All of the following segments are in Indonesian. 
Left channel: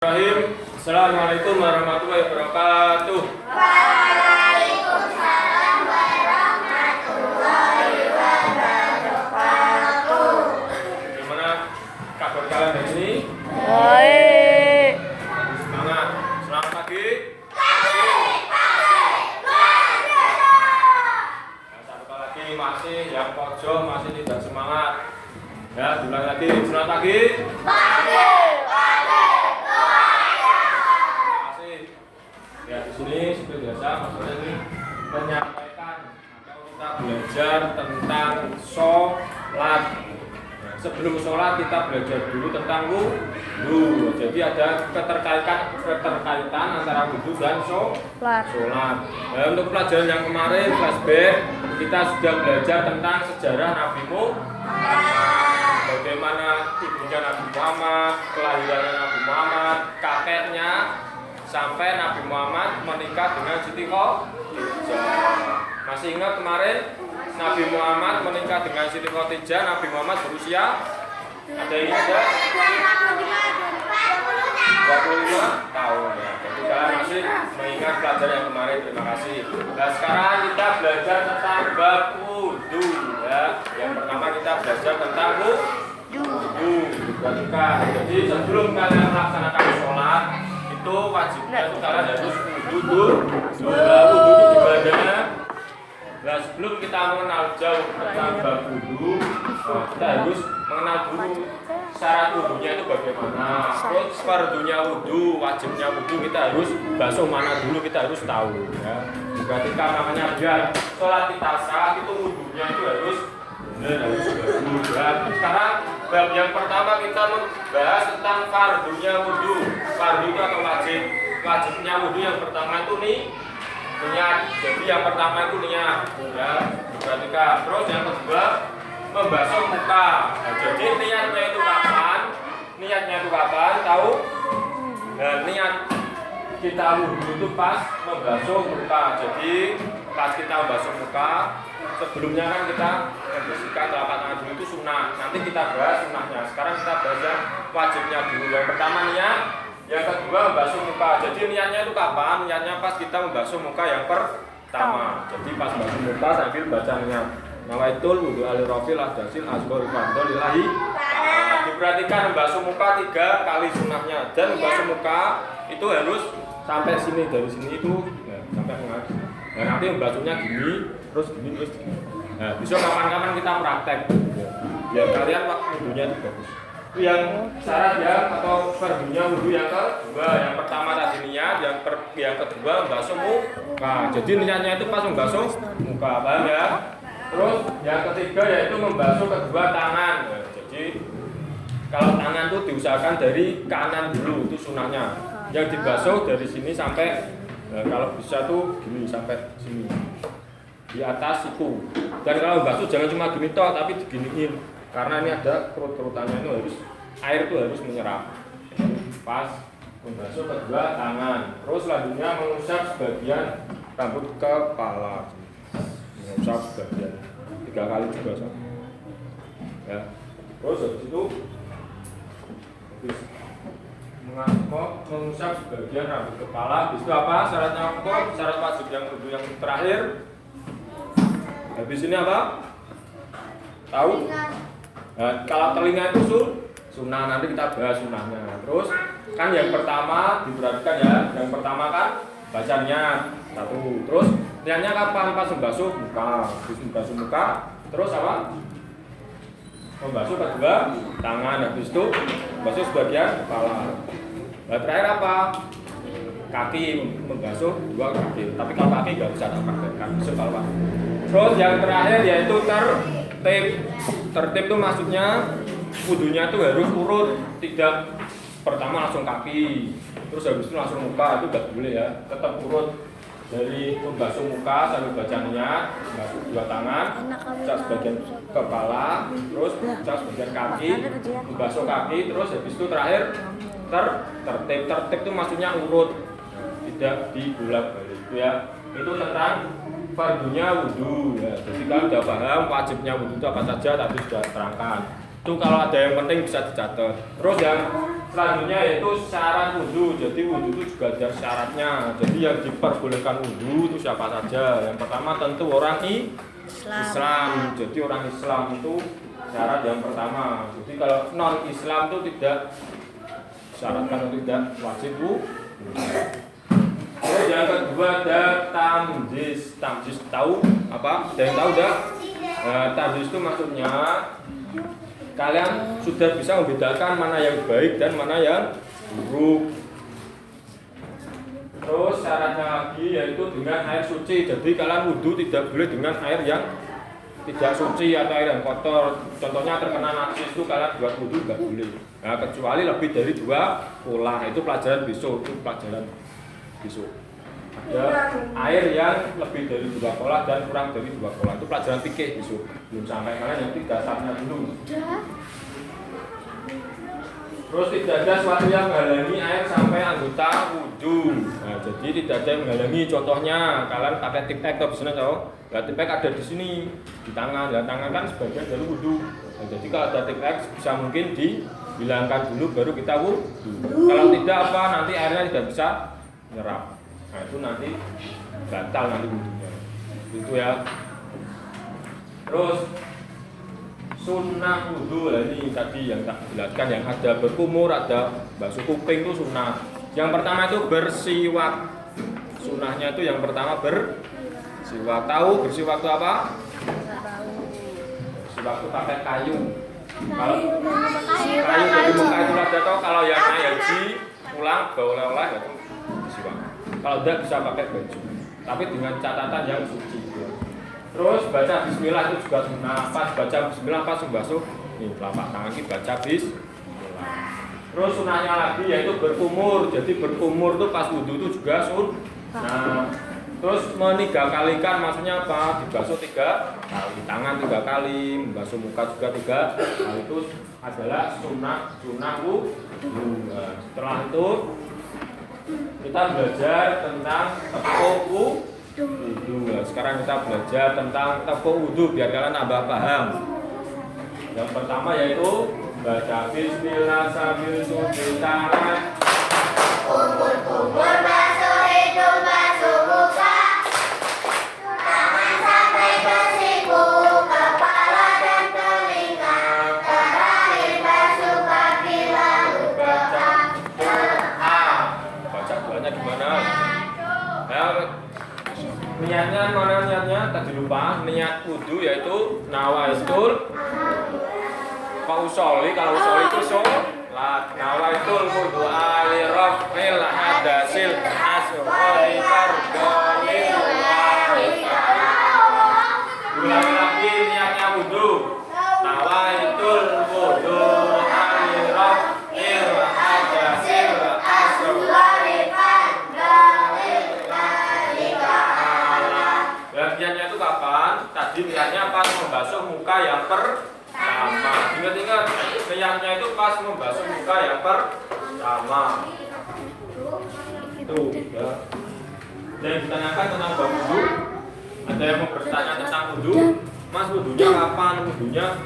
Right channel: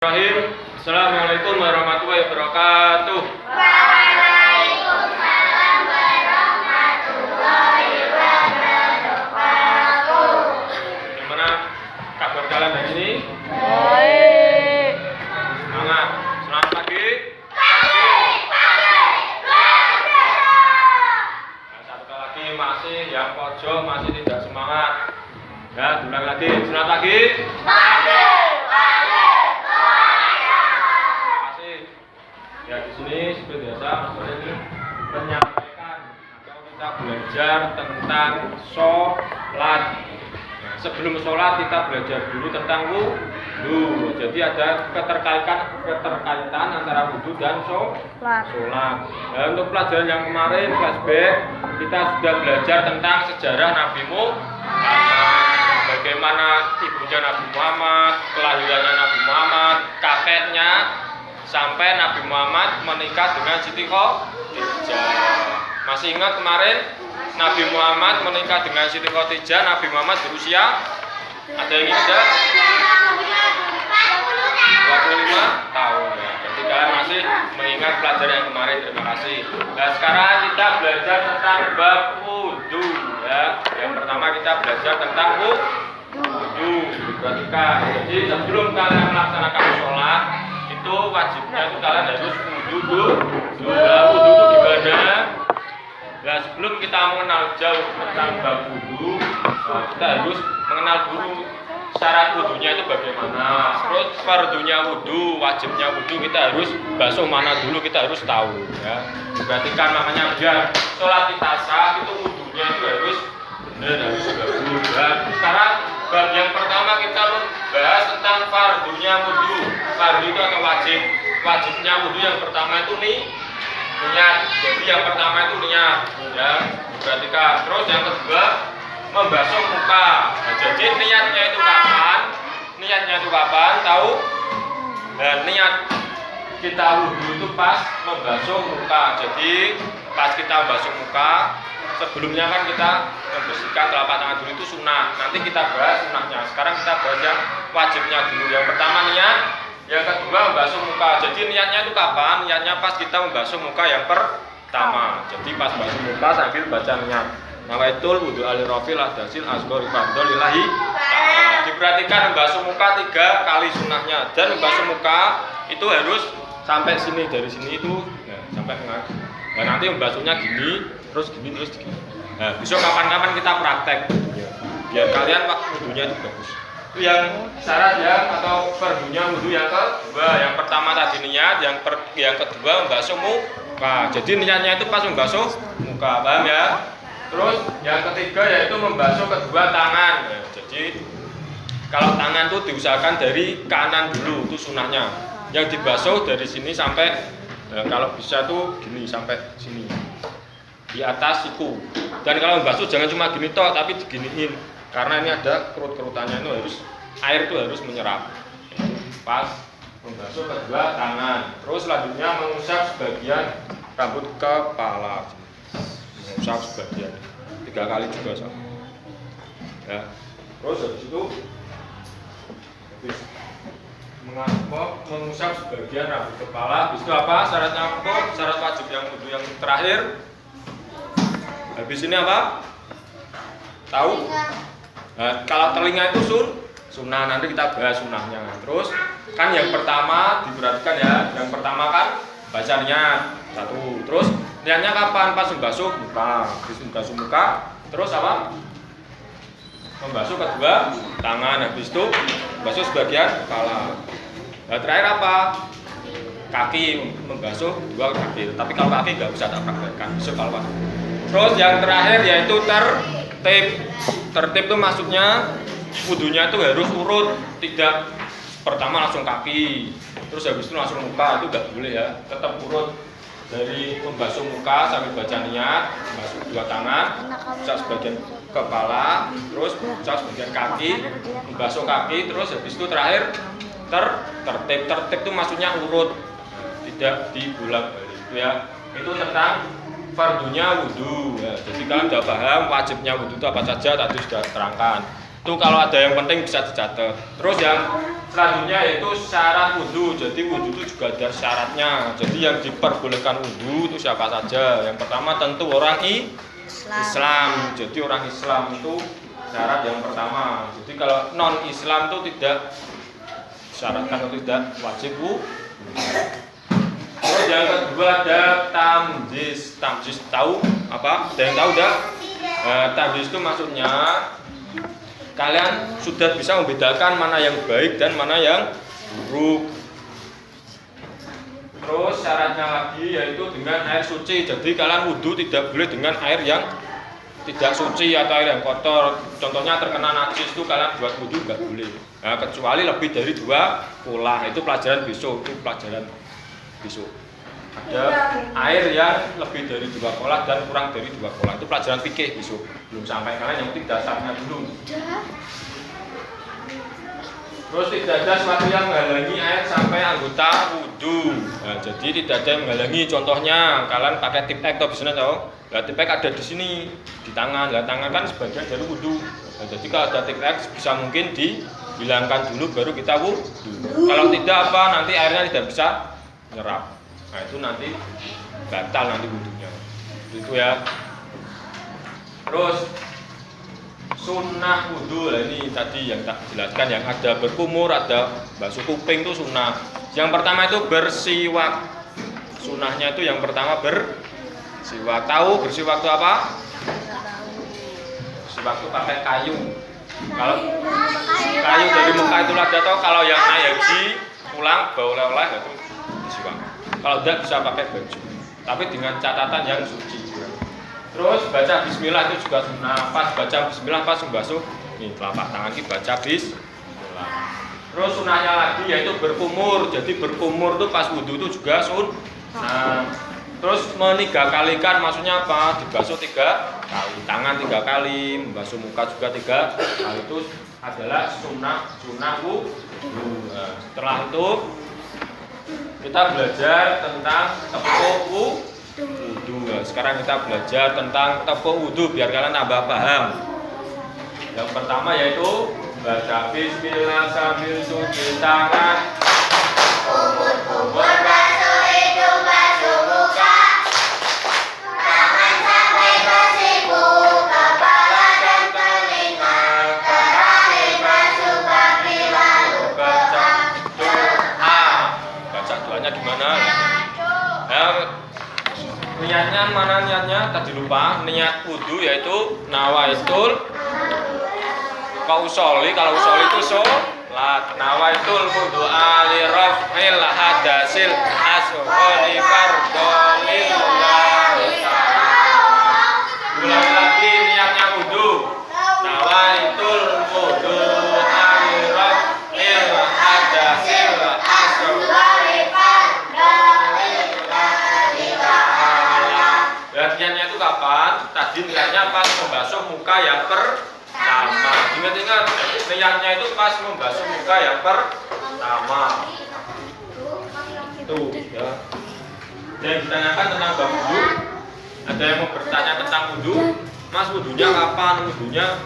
Bismillahirrahmanirrahim. Assalamualaikum warahmatullahi wabarakatuh. Waalaikumsalam warahmatullahi wabarakatuh. Gimana kabar kalian hari ini? Baik. Semangat. Selamat pagi. Nah, satu kali lagi masih yang pojok masih tidak semangat. Ya, ulang lagi. Selamat pagi. Ya, di sini seperti biasa ini menyampaikan atau kita belajar tentang sholat. Sebelum sholat kita belajar dulu tentang wudhu. Jadi ada keterkaitan antara wudhu dan sholat. Nah, untuk pelajaran yang kemarin flashback kita sudah belajar tentang sejarah Nabi Muhammad, bagaimana ibunya Nabi Muhammad, kelahirannya Nabi Muhammad, kakeknya, sampai Nabi Muhammad menikah dengan Siti Khadijah. Masih ingat kemarin Nabi Muhammad menikah dengan Siti Khadijah, Nabi Muhammad berusia ada yang ingat ya? 25 tahun ya. Jadi kalian masih mengingat pelajaran yang kemarin. Terima kasih. Nah, sekarang kita belajar tentang bab wudhu ya. Yang pertama kita belajar tentang wudhu. Perhatikan. Jadi sebelum kalian melaksanakan sholat itu wajibnya itu kalian harus wudhu itu gimana? Nah, sebelum kita mengenal jauh tentang bab wudhu, kita harus mengenal dulu syarat wudhunya itu bagaimana. Terus fardunya wudhu, wajibnya wudhu kita harus basuh mana dulu kita harus tahu ya. Berarti kan namanya biar sholat kita sah itu wudhunya itu harus benar, harus wudhu ya. Sekarang bab yang pertama kita bahas tentang fardunya wudhu. Fardu itu atau wajib. Wajibnya wudhu yang pertama itu niat. Jadi yang pertama itu niat ya. Perhatikan. Terus yang kedua membasuh muka. Nah, jadi niatnya itu kapan? Niatnya itu kapan? Tahu? Dan niat kita wudhu itu pas membasuh muka. Jadi pas kita membasuh muka, sebelumnya kan kita membersihkan telapak tangan dulu itu sunnah. Nanti kita bahas sunnahnya. Sekarang kita bahas yang wajibnya dulu. Yang pertama niat, yang kedua membasuh muka. Jadi niatnya itu kapan? Niatnya pas kita membasuh muka yang pertama. Jadi pas membasuh muka sambil baca niat. Nawaitul wudhu alirofil ahdasil asgori fardol lillahi ta'ala. Diperhatikan membasuh muka 3 kali sunnahnya. Dan membasuh muka itu harus sampai sini, dari sini itu ya, sampai tengah. Nah, nanti membasuhnya gini, terus gini, terus gini. Nah, besok kapan-kapan kita praktek ya. Biar kalian wudhunya itu bagus. Itu yang syarat ya, atau fardunya wudhu yang kedua. Yang pertama tadi niat, yang kedua membasuh muka. Jadi niatnya itu pas membasuh muka, paham ya? Terus yang ketiga yaitu membasuh kedua tangan ya. Jadi kalau tangan itu diusahakan dari kanan dulu, itu sunnahnya. Yang dibasuh dari sini sampai kalau bisa tuh gini sampai sini di atas siku. Dan kalau membasuh jangan cuma gini toh, tapi diginiin karena ini ada kerut-kerutannya, itu harus air itu harus menyerap. Pas membasuh kedua tangan. Terus selanjutnya mengusap sebagian rambut kepala. Mengusap sebagian 3 kali juga sama. Ya. Terus habis itu mengusap sebagian rambut kepala. Habis itu apa? Syaratnya apa? Syarat wajib yang wudhu yang terakhir. Habis ini apa? Tahu? Nah, kalau telinga itu sunnah, nanti kita bahas sunnahnya. Terus kan yang pertama diperhatikan ya. Yang pertama kan baca niat 1. Terus niatnya kapan? Pas membasuh muka. Habis membasuh muka, terus apa? Membasuh kedua tangan. Habis itu membasuh sebagian kepala. Nah, terakhir apa? Kaki, membasuh 2 kaki. Tapi kalau kaki nggak usah tak praktekkan, besok kalau pas. Terus yang terakhir yaitu tertib. Tertib itu maksudnya wudhunya itu harus urut, tidak pertama langsung kaki, terus habis itu langsung muka, itu nggak boleh ya. Tetap urut dari membasuh muka sambil baca niat, membasuh 2 tangan, membasuh sebagian kepala, terus membasuh sebagian kaki, membasuh kaki, terus habis itu terakhir tertib. Tertib itu maksudnya urut, tidak dibolak-balik ya. Itu tentang fardunya wudhu ya. Jadi kalian sudah paham wajibnya wudhu itu apa saja, tadi sudah terangkan. Itu kalau ada yang penting bisa dicatat. Terus yang Selanjutnya yaitu syarat wudhu. Jadi wudhu itu juga ada syaratnya. Jadi yang diperbolehkan wudhu itu siapa saja? Yang pertama tentu orang Islam. Jadi orang Islam itu syarat yang pertama. Jadi kalau non Islam itu tidak syaratkan untuk tidak wajib wudhu. Terus yang kedua ada tamjiz. Tamjiz tahu apa? Ada yang tahu enggak? Tamjiz itu maksudnya kalian sudah bisa membedakan mana yang baik dan mana yang buruk. Terus syaratnya lagi yaitu dengan air suci. Jadi kalian wudhu tidak boleh dengan air yang tidak suci atau air yang kotor. Contohnya terkena najis itu kalian buat wudhu nggak boleh. Nah, kecuali lebih dari 2 pola. Itu pelajaran besok. Itu pelajaran besok. Ada air yang lebih dari 2 pola dan kurang dari 2 pola. Itu pelajaran fikih besok. Belum sampai kalian yang dasarnya dulu. Terus tidak ada sesuatu yang menghalangi air sampai anggota wudhu. Nah, jadi tidak ada yang menghalangi. Contohnya kalian pakai tip X atau bisnis tahu? Nah, tip X ada di sini di tangan. Nah, tangan kan sebagian dari wudhu. Nah, jadi kalau ada tip X bisa mungkin dihilangkan dulu baru kita wudhu. Kalau tidak apa nanti airnya tidak bisa nyerap. Nah, itu nanti batal nanti wudhunya. Itu ya. Terus sunnah wudhu, nah ini tadi yang tak jelaskan, yang ada berkumur, ada basuh kuping itu sunnah. Yang pertama itu bersiwak. Sunnahnya itu yang pertama bersiwak. Tahu bersiwak itu apa? Bersiwak itu pakai kayu. Kalau kayu dari muka itu ada tahu. Kalau yang naik haji pulang bawa oleh-oleh itu bersiwak. Kalau tidak bisa pakai baju. Tapi dengan catatan yang suci. Terus baca bismillah itu juga sunnah. Pas baca bismillah pas membasuh ini telapak tangan kita baca bismillah. Terus sunnahnya lagi yaitu berkumur. Jadi berkumur itu pas wudhu itu juga sunnah. Terus meniga-kalikan maksudnya apa? Dibasuh 3 kali, tangan 3 kali, membasuh muka juga 3 kali. Itu adalah sunnah wudhu. Setelah itu kita belajar tentang tepuk wudhu. Sekarang kita belajar tentang tepuk wudhu biar kalian tambah paham. Yang pertama yaitu baca bismillah sambil cuci tangan. Kumur basuh hidung, basuh muka, tangan sampai ke siku, kepala dan telinga, kaki basuh kaki lalu baca doa. Baca doanya gimana? Niatnya mana niatnya? Tadi lupa. Niat wudhu yaitu nawaitul kausoli. Kalau usoli itu sholat. Nawaitul wudhu alirafil hadasil asghari fardolillahi. Ulangi lagi niatnya wudhu. Nawaitul wudhu alirafil hadasil asghari. Niatnya itu kapan? Tadi niatnya pas membasuh muka yang pertama. Ingat-ingat, niatnya itu pas membasuh muka yang pertama. Itu ya. Yang ditanyakan tentang bab wudhu. Ada yang mau bertanya tentang wudhu? Mas, wudhunya kapan? Wudhunya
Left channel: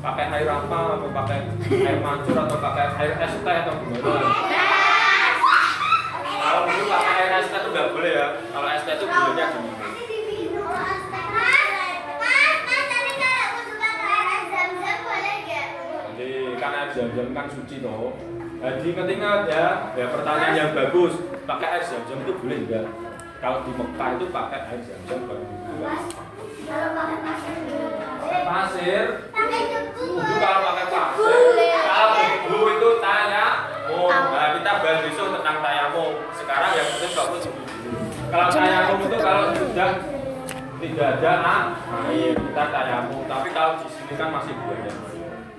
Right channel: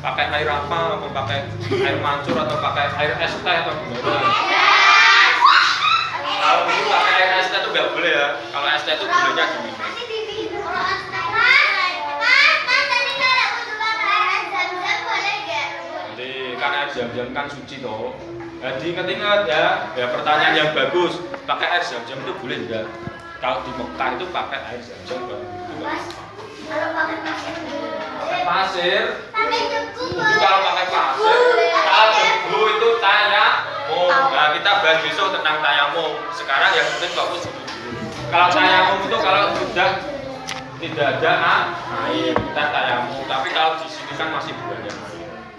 pakai air apa? Atau pakai air mancur atau pakai air es teh atau gimana? Kalau wudhu pakai air es teh itu nggak boleh ya. Kalau es teh itu bolehnya gini. Kan air zam-zam kan suci toh. Jadi ingat-ingat ya, pertanyaan yang bagus. Pakai air zam-zam itu boleh enggak? Kalau di Mekah itu pakai air zam-zam baru itu enggak. Kalau pakai pasir pakai pasir. Kalau pakai pasir, kalau debu itu tayamum. Nah, kita bahas besok tentang tayamum. Sekarang yang penting fokus dulu. Kalau tayamum itu kalau sudah tidak ada air, kita tayamum. Tapi kalau di sini kan masih ada air.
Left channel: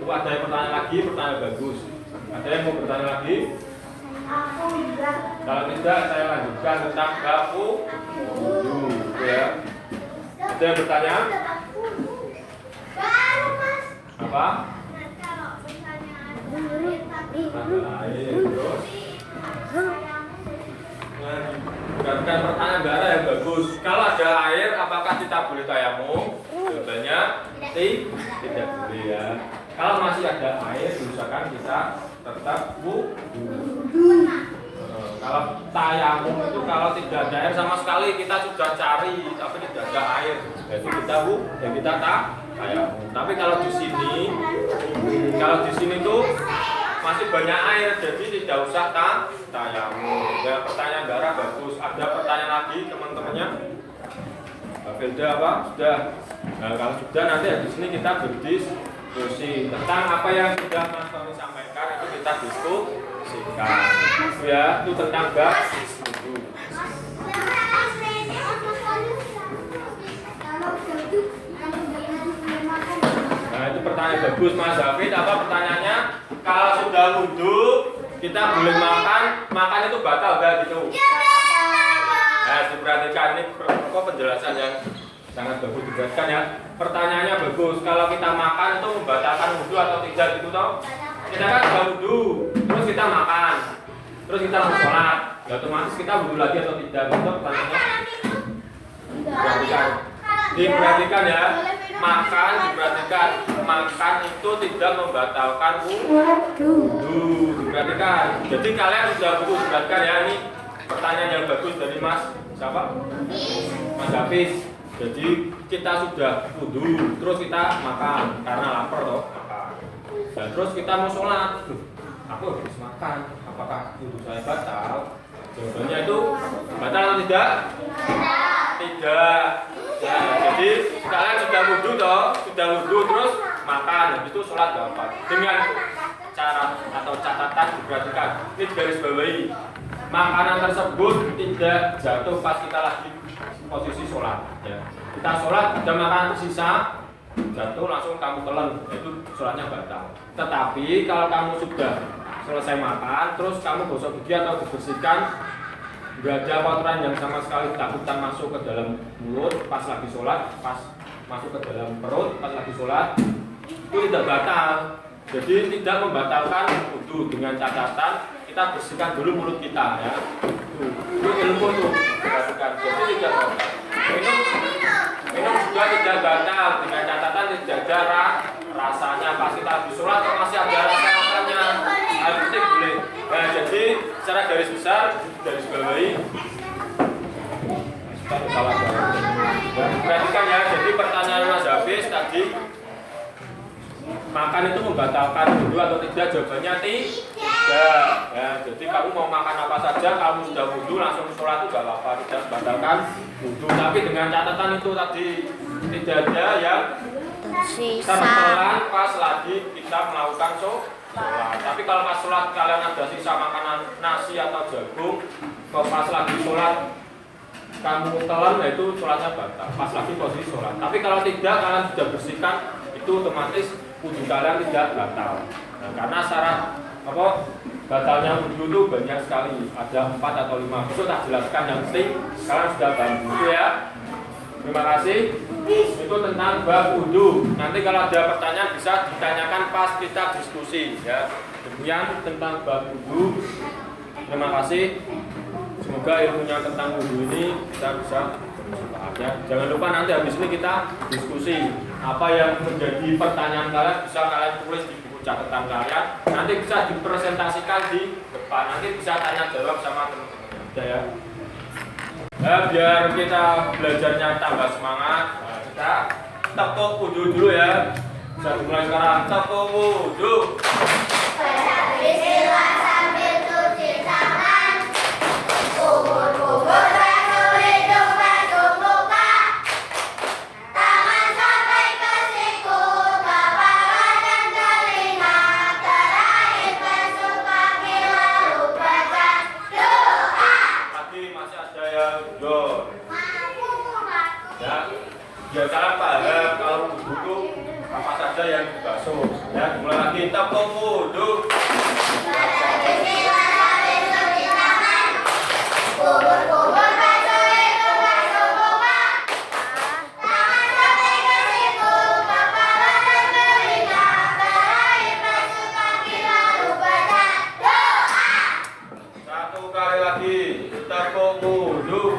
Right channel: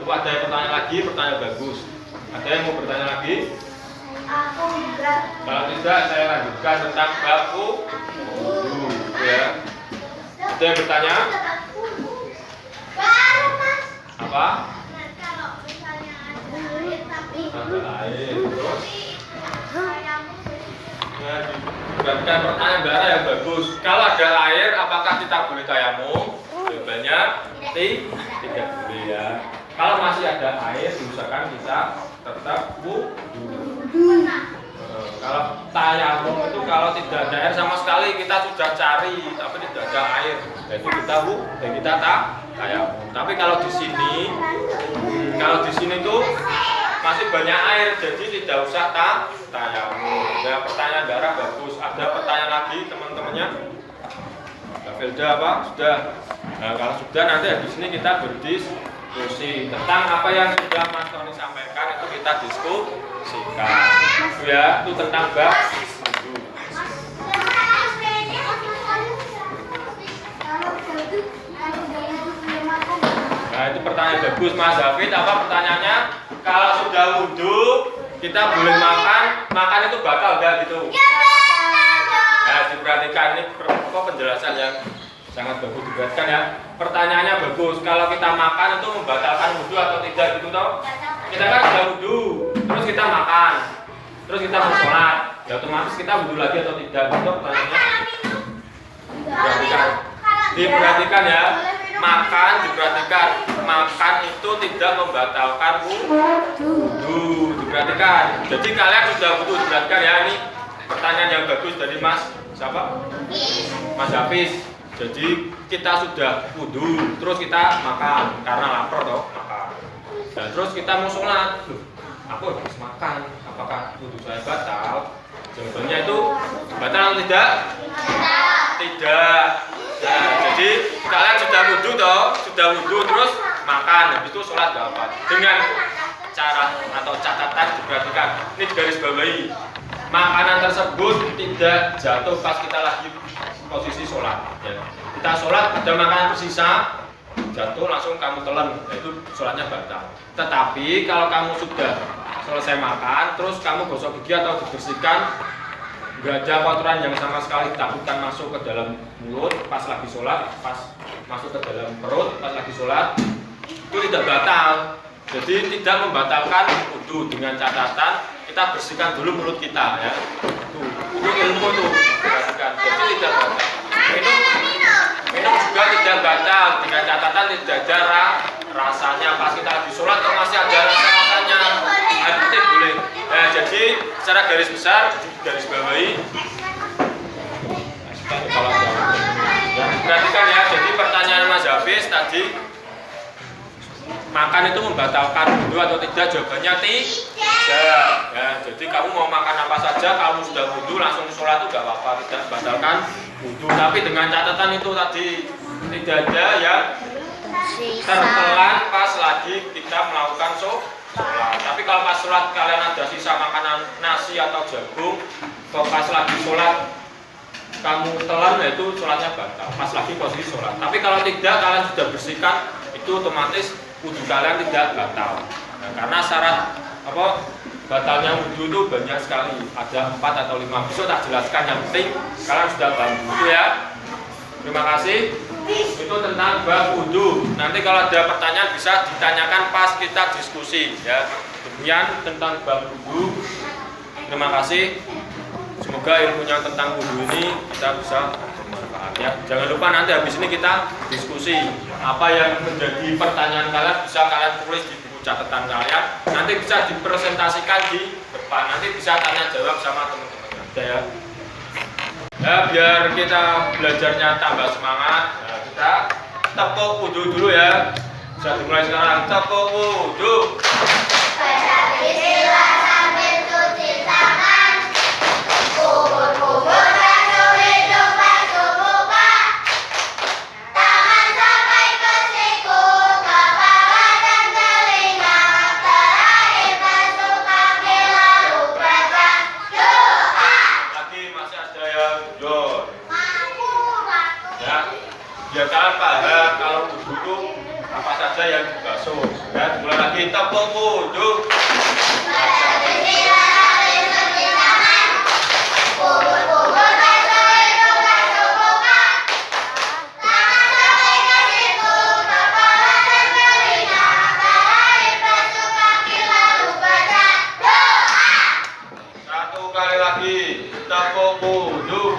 Coba ada yang bertanya lagi, pertanyaan bagus. Ada yang mau bertanya lagi? Aku enggak. Kalau tidak, saya lanjutkan tentang bab wudhu. Ya. Ada yang bertanya? Apa? Ambil air. Terus? Bukan pertanyaan bara yang bagus. Kalau ada air, apakah kita boleh tayamum? Jawabannya tidak boleh ya. Kalau masih ada air, diusahakan kita tetap wudu. Kalau tayamum itu kalau tidak ada air sama sekali kita sudah cari tapi tidak ada air, jadi kita tayamum. Tapi kalau di sini tuh masih banyak air, jadi tidak usah tayamum. Ya, pertanyaan Dara bagus. Ada pertanyaan lagi teman-temannya? Mbak Felda apa? Sudah. Nah, kalau sudah nanti habis ini kita berdiskusi tentang apa yang sudah Mas Tony sampaikan, itu kita diskusikan. Ya, itu tentang bab wudu. Nah, itu pertanyaan bagus Mas David. Apa pertanyaannya? Kalau sudah wudu kita boleh makan itu batal enggak gitu? Nah, diperhatikan ini penjelasan yang sangat bagus dijelaskan ya. Pertanyaannya bagus. Kalau kita makan itu membatalkan wudu atau tidak gitu toh? Kita kan sudah wudu, terus kita makan, terus kita mau sholat, ya otomatis kita wudu lagi atau tidak? Itu pertanyaannya. Diperhatikan ya. Makan itu tidak membatalkan wudu. Diperhatikan. Jadi kalian sudah wudu, diperhatikan ya, ini pertanyaan yang bagus dari Mas siapa? Mas Hafiz. Jadi kita sudah wudu, terus kita makan karena lapar toh, makan. Dan terus kita mau sholat, aku habis makan, apakah wudu saya batal? Jawabannya itu batal atau tidak? Tidak. Nah, jadi kalian sudah wudu terus makan, habis itu sholat gak apa? Dengan cara atau catatan diperhatikan, ini garis bawahi. Makanan tersebut tidak jatuh pas kita lagi posisi sholat. Ya. Kita sholat, ada makanan tersisa, jatuh langsung kamu telan, itu sholatnya batal. Tetapi kalau kamu sudah selesai makan, terus kamu gosok gigi atau dibersihkan, nggak ada kotoran yang sama sekali takutkan masuk ke dalam mulut pas lagi sholat, pas masuk ke dalam perut pas lagi sholat, itu tidak batal. Jadi tidak membatalkan wudu, dengan catatan kita bersihkan dulu mulut kita ya. Itu ilmu tuh, perhatikan. Jadi tidak batal. Minum juga tidak batal, dengan catatan tidak ada rasanya pas kita lagi sholat atau masih ada rasanya. Itu boleh. Nah, jadi secara garis besar, garis bawahi. Perhatikan ya, jadi pertanyaan Mas Hafiz tadi, makan itu membatalkan wudu atau tidak? Jawabannya tidak. Ya, jadi kamu mau makan apa saja, kamu sudah wudu langsung sholat itu gak apa-apa, tidak membatalkan wudu. Tapi dengan catatan itu tadi, tidak ada yang tertelan pas lagi kita melakukan sholat. Tapi kalau pas sholat kalian ada sisa makanan nasi atau jagung, kalau pas lagi sholat kamu telan, ya itu sholatnya batal. Pas lagi posisi sholat. Tapi kalau tidak, kalian sudah bersihkan, itu otomatis wudu kalian tidak batal. Nah, karena syarat batalnya wudu itu banyak sekali, ada 4 atau 5. Besok tak jelaskan, yang penting kalian sudah paham itu ya. Terima kasih. Itu tentang bab wudu. Nanti kalau ada pertanyaan bisa ditanyakan pas kita diskusi ya. Demikian tentang bab wudu. Terima kasih. Semoga ilmunya tentang wudu ini kita bisa bermanfaat ya. Jangan lupa nanti habis ini kita diskusi. Apa yang menjadi pertanyaan kalian bisa kalian tulis di buku catatan kalian. Nanti bisa dipresentasikan di depan. Nanti bisa tanya jawab sama teman-teman ya. Ya, biar kita belajarnya tambah semangat, nah, kita tepuk wudu dulu ya. Bisa dimulai sekarang, tepuk wudu. Bismillah sambil cuci tangan. Kubur-kubur basuh hidung, basuh muka. Tangan sampai ke siku, kepala dan telinga. Terakhir basuh kaki lalu baca doa. Lagi masih ada yang jujur. Ya, biar kalian paham kalau wudu itu apa saja yang dibasuh. Ya, mulai lagi tepuk wudu. Kubur-kubur basuh hidung, basuh muka. Tangan sampai ke siku, kepala dan telinga. Terakhir basuh kaki lalu baca doa. Satu kali lagi, tepuk wudu.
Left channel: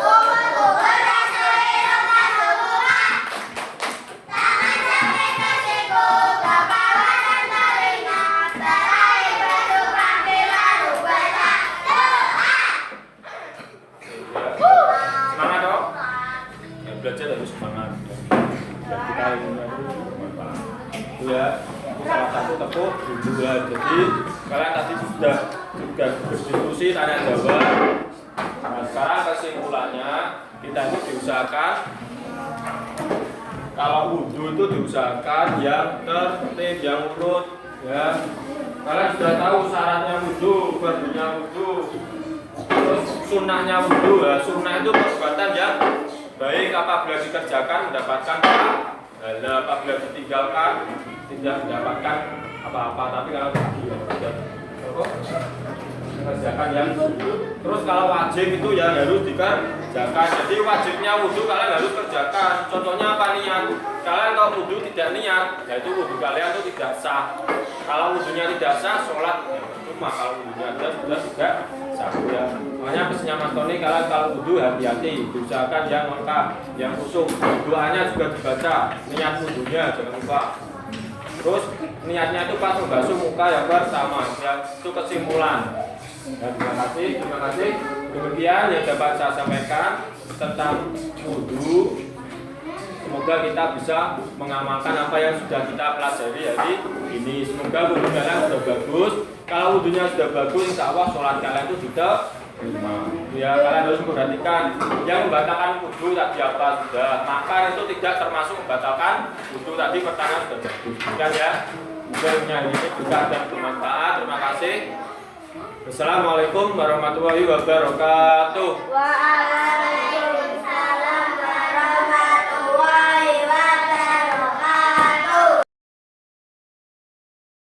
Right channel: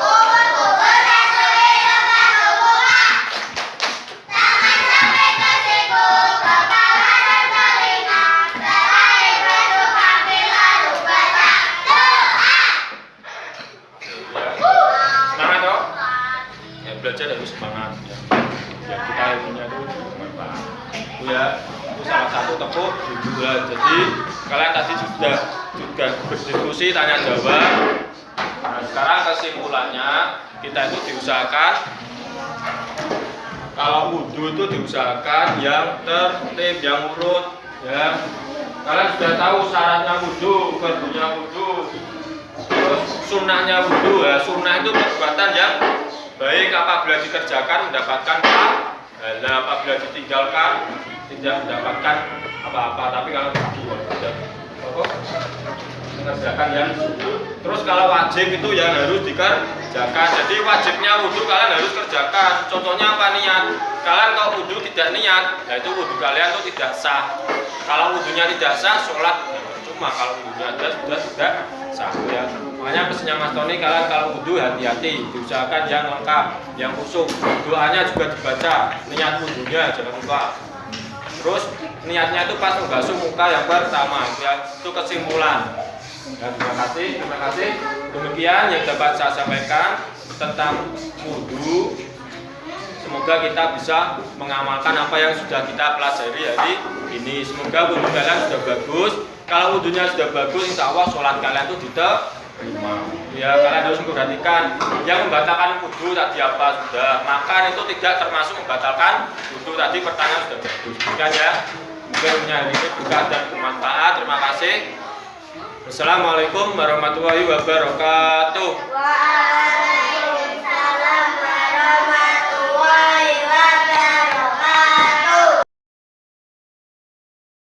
Kubur-kubur basuh hidung, basuh muka. Tangan salah satu tepuk wudhu. Jadi kalian tadi sudah berdiskusi, tanya jawab. Nah, sekarang kesimpulannya kita itu diusahakan kalau wudhu itu diusahakan yang tertib, yang urut, ya. Kalian sudah tahu syaratnya wudhu, fardunya wudhu, terus sunnahnya wudhu. Ya, sunnah itu perbuatan yang baik apabila dikerjakan mendapatkan pahala, apabila ditinggalkan tidak mendapatkan apa-apa. Tapi kalau wudhu mengerjakan yang sunnah. Terus kalau wajib itu yang harus dikerjakan. Jadi wajibnya wudhu kalian harus kerjakan. Contohnya apa? Niat. Kalian kalau wudhu tidak niat, nah itu wudhu kalian itu tidak sah. Kalau wudhunya tidak sah, sholat cuma. Kalau wudhunya ada sudah tidak sah. Ya. Makanya pesannya Mas Tony, kalian kalau wudhu hati-hati, diusahakan yang lengkap, yang khusyuk. Doanya juga dibaca, niat wudhunya jangan lupa. Terus niatnya itu pas membasuh muka yang pertama, ya, itu kesimpulan. Dan terima kasih. Demikian yang dapat saya sampaikan tentang wudhu. Semoga kita bisa mengamalkan apa yang sudah kita pelajari hari ini. Semoga wudhu kalian sudah bagus. Kalau wudhunya sudah bagus, insya Allah sholat kalian itu diterima. Ya, kalian harus memperhatikan yang membatalkan wudhu tadi apa sudah. Makan itu tidak termasuk membatalkan wudhu tadi. Pertanyaan sudah bagus. Demikian ya. Mungkin ini berkah dan bermanfaat. Terima kasih. Wassalamualaikum warahmatullahi wabarakatuh.